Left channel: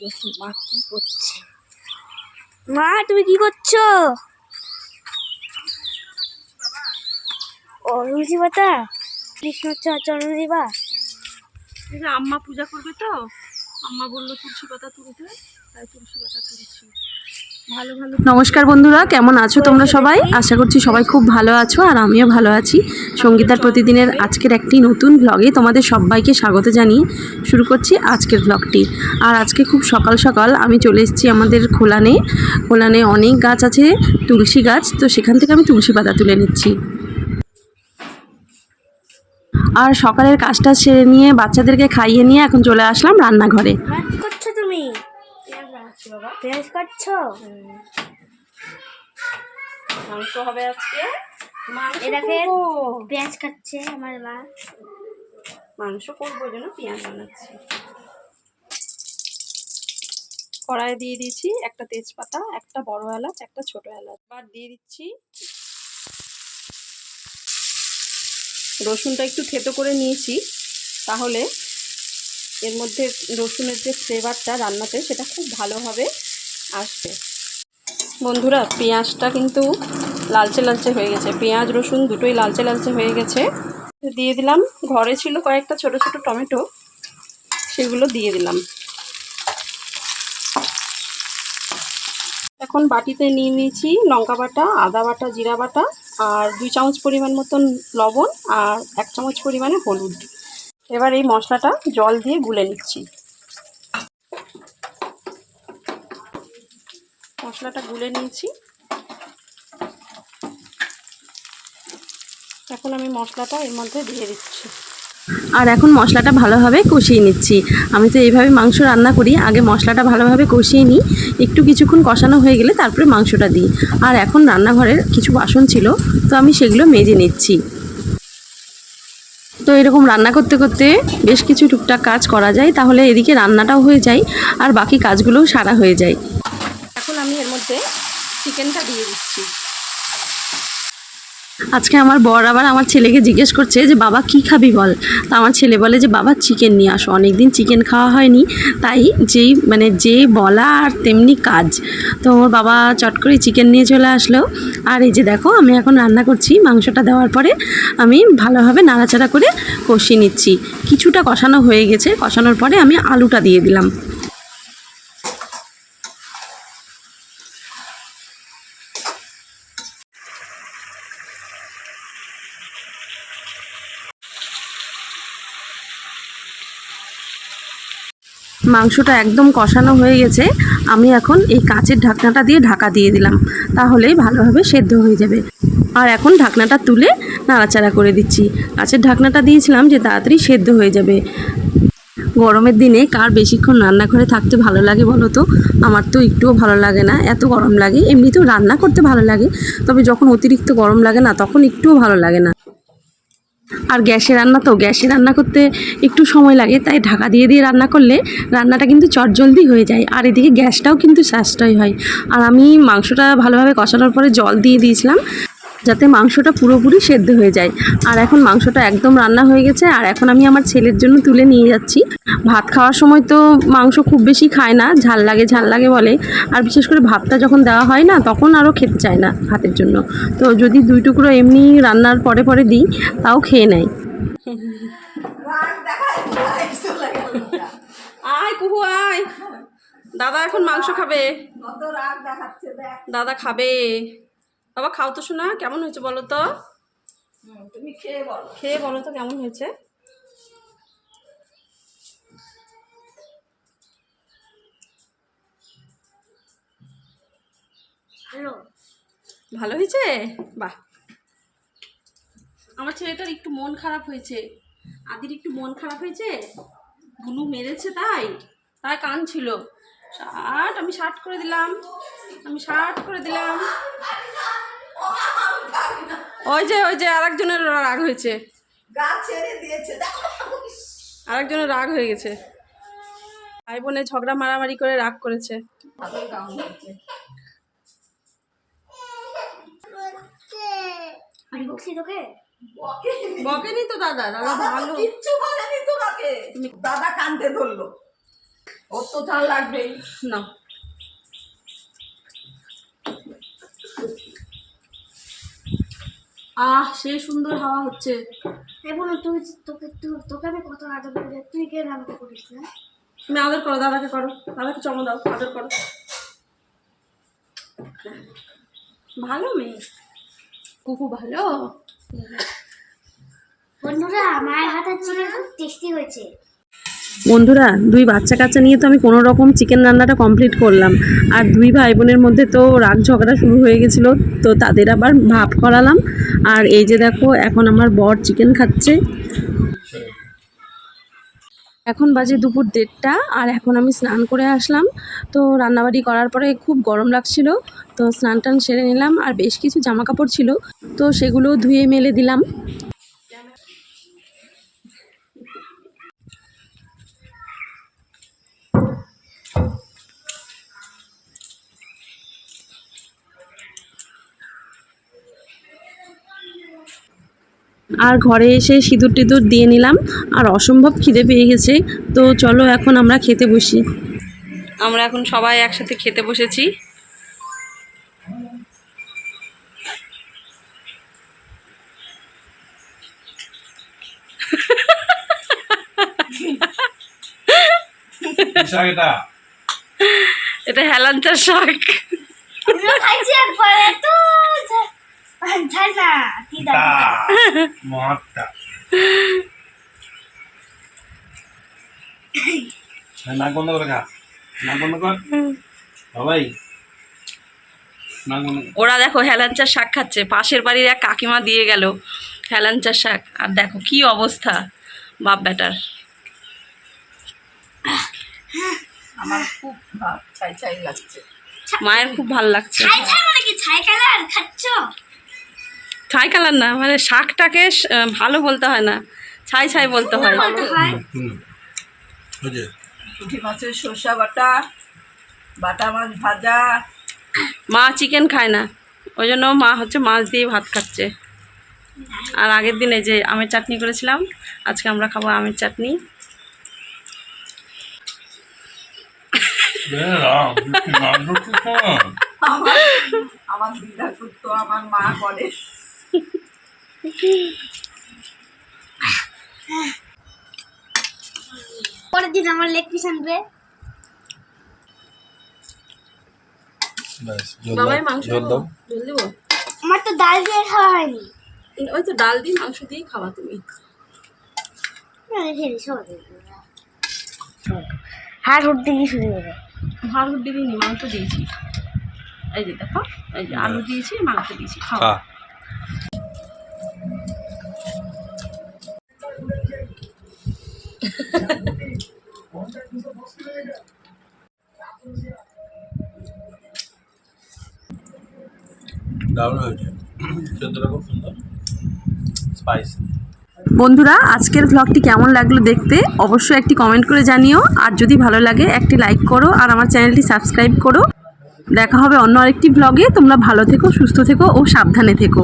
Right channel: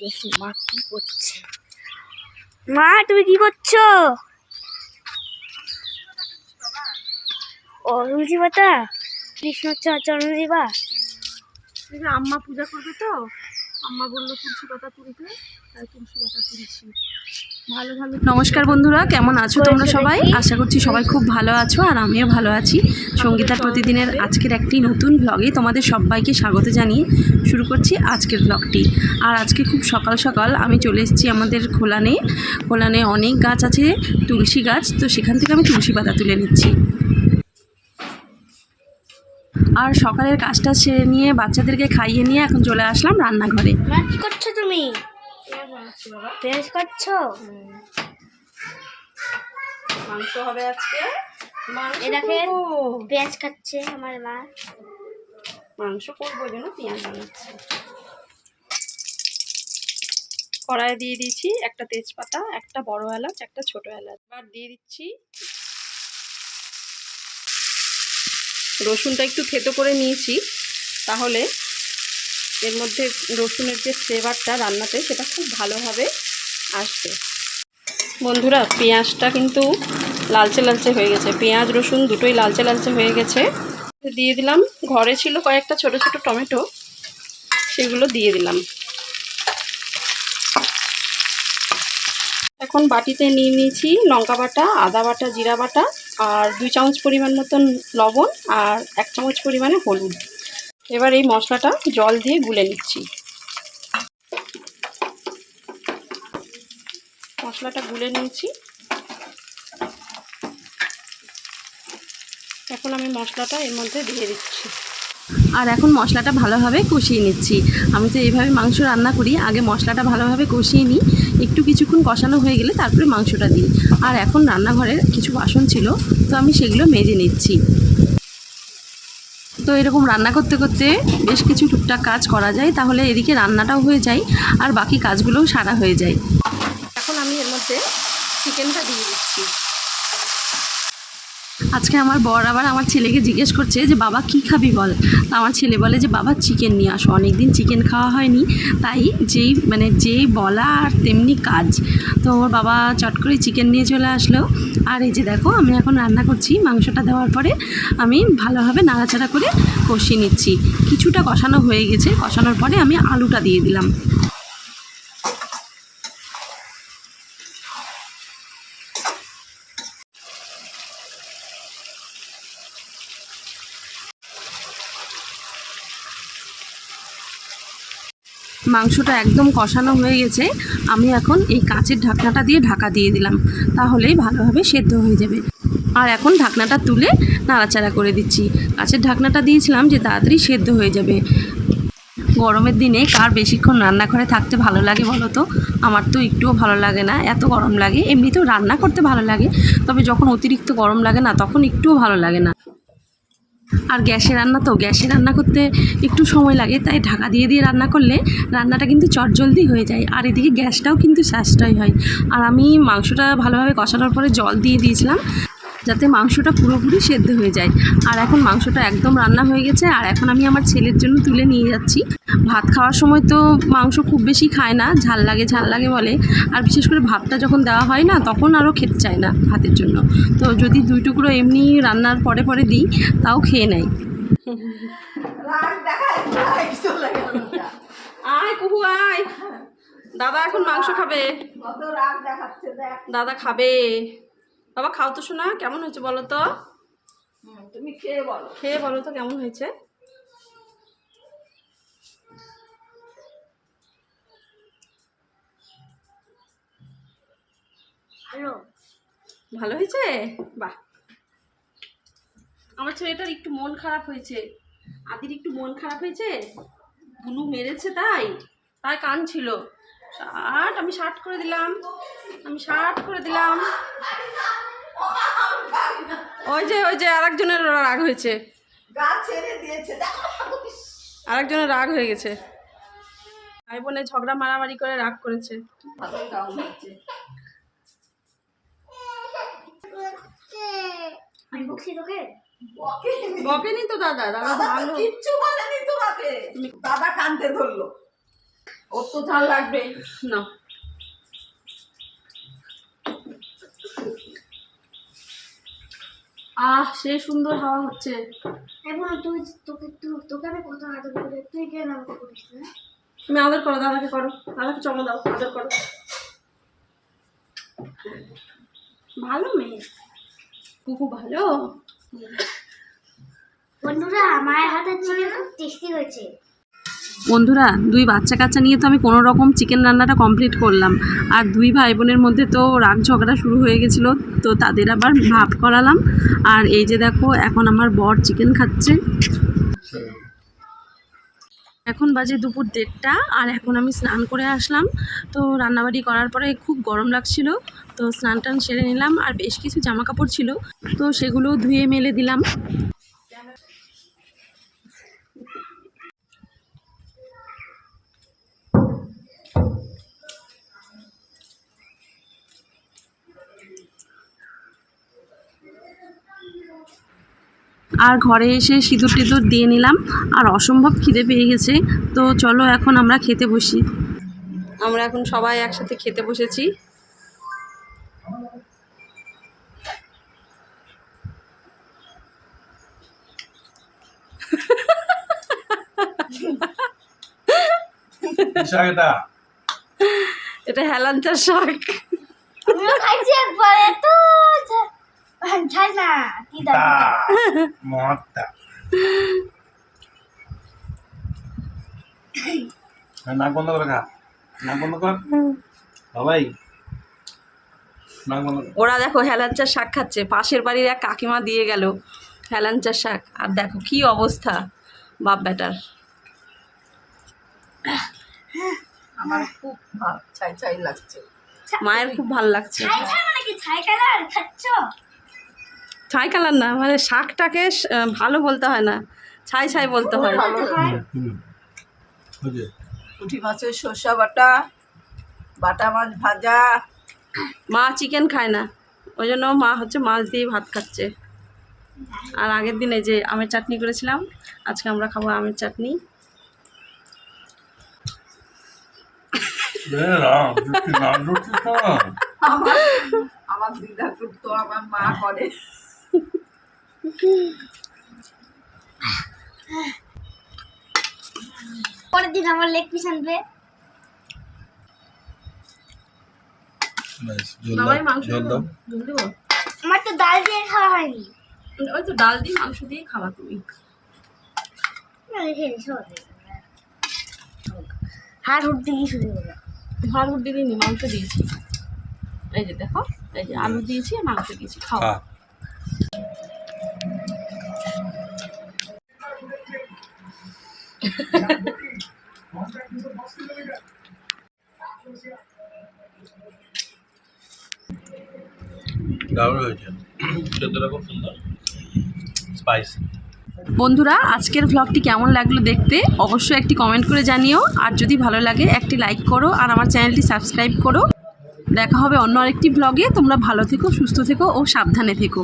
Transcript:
দেখি মা কি করছে। মা তুমি কি করছো? ও তুলসী পাতা কৃষ্ণ চরণ দিবা? আম্মা পূজা করবে তো, আম্মা বললো তুলসী পাতা তুলতে, তাই তুলসী পাতা তুলছি। ভালো ভালো। নমস্কার বন্ধুরা, কেমন আছো তোমরা সবাই? আশা করছি সবাই খুব ভালো আছো, আর আমিও ভালো আছি। সঙ্গীতার প্রতিদিনের আজকের একটি নতুন ব্লগে তোমাদের সবাইকে স্বাগত জানিয়ে শুরু করছি আজকের ব্লগটি। আর আজকে খুব সকাল সকাল আমি চলে এসেছি আমাদের খোলানে অনেক গাছ আছে, তুলসী গাছ, তো সেখান থেকে আমি তুলসী পাতা তুলে নিচ্ছি। আর সকালের কাজটা সেরে নিয়ে বাচ্চাদেরকে খাইয়ে নিয়ে এখন চলে আসলাম রান্নাঘরে। কি করছো তুমি? পেঁয়াজ কাটছো? মাংস হবে আজকে। এটাকে পেঁয়াজ কাটছে আমার মা। মাংস করবো জন্য পেঁয়াজ বানাচ্ছি। কড়াই দিয়ে দিয়েছি একটা তেজপাতা, একটা বড় এলাচ, একটা ছোট এলাচ। এবার দিয়ে দিচ্ছি রসুনটা একটু থেতো করে নিয়েছি, তাহলে এর মধ্যে রসুনের যে ফ্লেভারটা রান্নাতে সেটা খুব ভালোভাবে আসবে। বন্ধুরা, পেঁয়াজটা কিন্তু লালচে লালচে হয়ে গেছে, পেঁয়াজ রসুন দুটোই লালচে লালচে হয়ে গেছে। দিয়ে দিলাম, ঘরে ছিল কয়েকটা ছোট ছোট টমেটো, সেগুলো দিয়ে দিলাম। এখন বাটিতে নিয়ে নিয়েছি লঙ্কা বাটা, আদা বাটা, জিরা বাটা, আর 2 চামচ পরিমাণ মতন লবণ, আর 1 চামচ পরিমাণে হলুদ। এবার এই মশলাটা জল দিয়ে গুলে নিচ্ছি। মশলাটা গুলে নিয়েছি। এখন আমি মশলাটা এর মধ্যে দিয়ে দিচ্ছি। আর এখন মশলাটা ভালোভাবে কষিয়ে নিচ্ছি। আমি তো এইভাবে মাংস রান্না করি, আগে মশলাটা ভালোভাবে কষিয়ে নিই, একটু কিছুক্ষণ কষানো হয়ে গেলে তারপরে মাংসটা দিই। আর এখন রান্নাঘরের কিছু বাসন ছিল, তো আমি সেগুলো মেজে নিচ্ছি। তো এরকম রান্না করতে করতে বেশ কিছু টুকটাক কাজ করা যায়, তাহলে এদিকে রান্নাটাও হয়ে যায় আর বাকি কাজগুলোও সারা হয়ে যায়। এখন আমি এর মধ্যে চিকেনটা দিয়ে দিচ্ছি। আজকে আমার বর আবার আমার ছেলেকে জিজ্ঞেস করছে যে বাবা কি খাবি বল। তো আমার ছেলে বলে যে বাবা চিকেন নিয়ে আসো, অনেকদিন চিকেন খাওয়া হয়নি, তাই যে বলা আর তেমনি কাজ। তো ওর বাবা চট করে চিকেন নিয়ে চলে আসলো। আর এই যে দেখো, আমি এখন রান্না করছি। মাংসটা দেওয়ার পরে আমি ভালোভাবে নাড়াচাড়া করে কষিয়ে নিচ্ছি। কিছুটা কষানো হয়ে গেছে, কষানোর পরে আমি আলুটা দিয়ে দিলাম। মাংসটা একদম কষানো হয়ে গেছে, আমি এখন এই কাঁচের ঢাকনাটা দিয়ে ঢাকা দিয়ে দিলাম, তাহলেই ভালোভাবে সেদ্ধ হয়ে যাবে। আর এখন ঢাকনাটা তুলে নাড়াচাড়া করে দিচ্ছি। কাঁচের ঢাকনাটা দিয়েছিলাম যে তাড়াতাড়ি সেদ্ধ হয়ে যাবে। গরমের দিনে কার বেশিক্ষণ রান্নাঘরে থাকতে ভালো লাগে বলো তো? আমার তো একটুও ভালো লাগে না, এত গরম লাগে। এমনিতেও রান্না করতে ভালো লাগে, তবে যখন অতিরিক্ত গরম লাগে না, তখন একটুও ভালো লাগে না। আর গ্যাসে রান্না করতে একটু সময় লাগে, তাই ঢাকা দিয়ে দিয়ে রান্না করলে রান্নাটা কিন্তু চটজলদি হয়ে যায়, আর এদিকে গ্যাসটাও কিন্তু সাশ্রয় হয়। আর আমি মাংসটা ভালোভাবে কষানোর পরে জল দিয়ে দিয়েছিলাম, যাতে মাংসটা পুরোপুরি সেদ্ধ হয়ে যায়। আর এখন মাংসটা একদম রান্না হয়ে গেছে, আর এখন আমি আমার ছেলের জন্য তুলে নিয়ে যাচ্ছি। ভাত খাওয়ার সময় তো মাংস খুব বেশি খায় না, ঝাল লাগে বলে। আর বিশেষ করে ভাতটা যখন দেওয়া হয় না, তখন আরও খেতে চায় না ভাতের জন্য। তো যদি 2 টুকরো এমনি রান্নার পরে পরে দিই, তাও খেয়ে নেয়। আয় কুহু আয়, দাদা এখন মাংস খাবে। দাদা খাবে। বাবা খাও তো শোনা, কেমন হয়েছে বলো তো? তুমি খেয়ে বলো তো কেমন হয়েছে। ভালো হয়েছে? বাহ। আমার ছেলেটার একটু মন খারাপ হয়েছে, আদির একটু মন খারাপ হয়েছে, বুনু মেরেছে, তাই কাঁদছিল। আমি শার্ট করে দিলাম। ওই যে আরেকজনের রাগ হয়েছে, আরেকজনের রাগ হয়ে গেছে। ভাই বোনে ঝগড়া মারামারি করে রাগ করেছে। বকেনি তো দাদা ভালো, কিচ্ছু বলেনি তোমাকে। দাদা কাঁদতে ধরলো। ও তো ঝাল লাগবে না। সেই সুন্দর হাওয়া হচ্ছে। এখন তুই তোকে আমি কত আদর করি, তুই কেন আমাকে করিস না? তুমি আদর করো, দাদাকে করো, দাদাকে চমো দাও, আদর করো। ভালো মেয়ে, কুকু ভালো। বন্ধুরা, মায়ের হাতের চিকেন খুব টেস্টি হয়েছে। বন্ধুরা, 2 বাচ্চা কাচ্চা নিয়ে তো আমি কোনো রকম চিকেন রান্নাটা কমপ্লিট করলাম। আর 2 ভাই বোনের মধ্যে তো রাগ ঝগড়া শুরু হয়ে গেছিলো, তো তাদের আবার ভাব করালাম। আর এই যে দেখো, এখন আমার বর চিকেন খাচ্ছে। এখন বাজে দুপুর 1:30, আর এখন আমি স্নান করে আসলাম। তো রান্নাবাড়ি করার পরে খুব গরম লাগছিল, তো স্নান টান সেরে নিলাম। আর বেশ কিছু জামা কাপড় ছিল, তো সেগুলো ধুয়ে মেলে দিলাম। আর ঘরে এসে সিঁদুর টিঁদুর দিয়ে নিলাম। আর অসম্ভব খিদে পেয়ে গেছে, তো চলো এখন আমরা খেতে বসি। আমরা এখন সবাই একসাথে খেতে বসেছি। এটা হেলাঞ্চার শাক। আমিও খাইছি একবার, এত ঝাল না, কি দাম মহাত্মা নাক বন্ধ করে খা, নাক বন্ধ কর সবাই, নাক বন্ধ কর। ওরা দেখো হেলাঞ্চার শাক খাচ্ছে, পাশের বাড়ির এক কাকিমা দিয়ে গেল হেলাঞ্চার শাক। আর দেখো কি অবস্থা বাপ বেটার। আমার খুব ছাই ছাই লাগছে। মায়ের খুব ভালো লাগছে। ছাই ছাই মানে কি? ছাই কালার খাচ্ছ? ছাই কালার না, মানে শাকটাকে ভালো বলতে হয় না, ছাই ছাই বলতে হয়। বলতে হয়। ওই যে পুঁটি মাছের শসা বাটা, বাটা মাছ ভাজা। মা চিকেন খায় না, ওই জন্য মা হচ্ছে মাছ দিয়ে ভাত খাচ্ছে। আর আগের দিনে যে আমের চাটনি করেছিলাম, আজকে আমরা খাবো আমের চাটনি। আমার দিদা করতো, আমার মা করে। পরের দিন আমার লেগ পিস আনবে। বাবাই মাংস দেবো, ঝোল দেবো। আমার তো ডাল দিয়ে খাওয়া হয়নি। ওই তো ডাল দিয়ে মাংস দিয়ে খাবা তুমি। রেখে দিস, হাড় হুট দিয়ে শুরু হবে। ভাত রুটি দিইনি, মাংস দিয়েছি। এই যে দেখো, এই যে আলু দিয়েছি, মাংস দিয়েছি, খাও। খা। দারুণ হয়েছে, সেদ্ধটা খুব সুন্দর, স্পাইসি। বন্ধুরা, আজকের ভ্লগটি কেমন লাগলো দেখতে অবশ্যই একটি কমেন্ট করে জানিও। আর যদি ভালো লাগে একটি লাইক করো, আর আমার চ্যানেলটি সাবস্ক্রাইব করো। দেখা হবে অন্য আরেকটি ভ্লগে। তোমরা ভালো থেকো, সুস্থ থেকো ও সাবধানে থেকো।